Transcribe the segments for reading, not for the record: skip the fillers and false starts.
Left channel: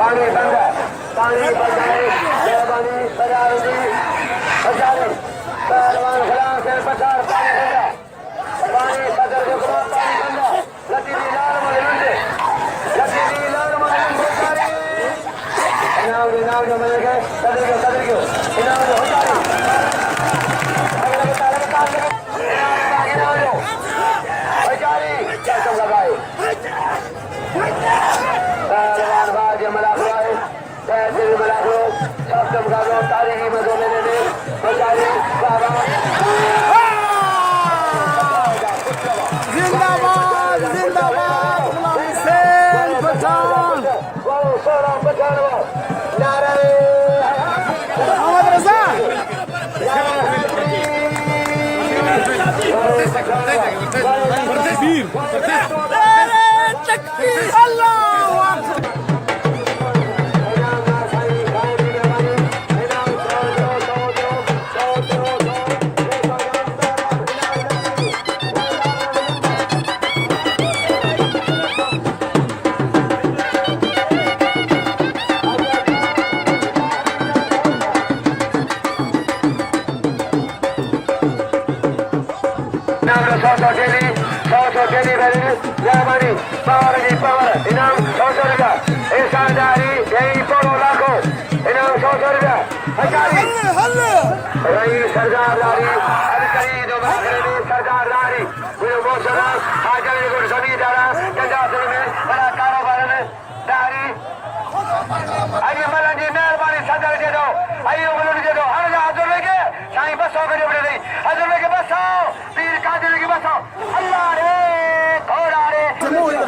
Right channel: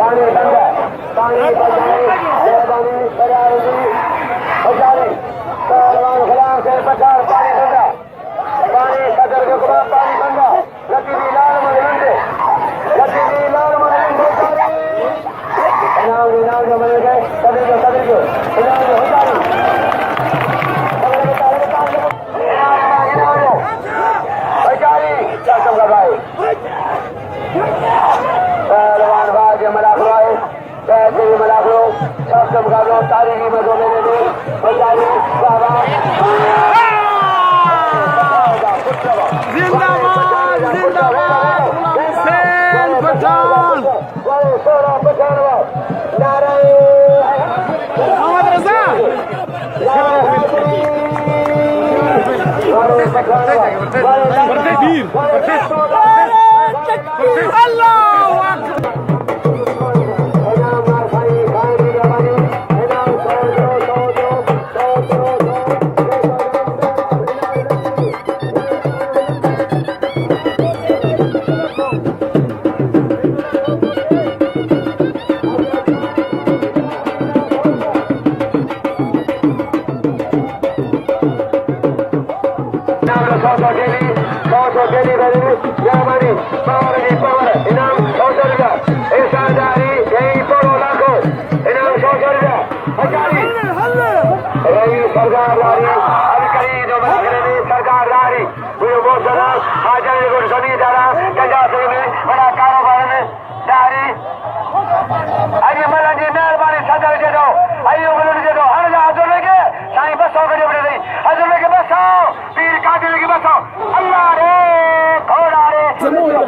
पानी बंद है, पानी बचाए, मेहरबानी बजाएगी बचाए, पहलवान खिलाफ से पचार पानी बंद है, पानी सदर के बाद पानी बंद है, लतीफी लाल मुझे लतीफी लाल मुझे इनाम के मजे गए, सदर के इनाम हो जाए, बचारी क्या समझा भाई पहलवान बाज मलाखो है पैसे भी मलाखो सब चमका तारीखी में दो लेने में बचारी बाबा जिंदाबाद जिंदाबाद गुलाम हुसैन पठान मोहम्मद रजा अल्लाहू अकबर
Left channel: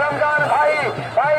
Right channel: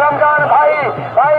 रमजान भाई भाई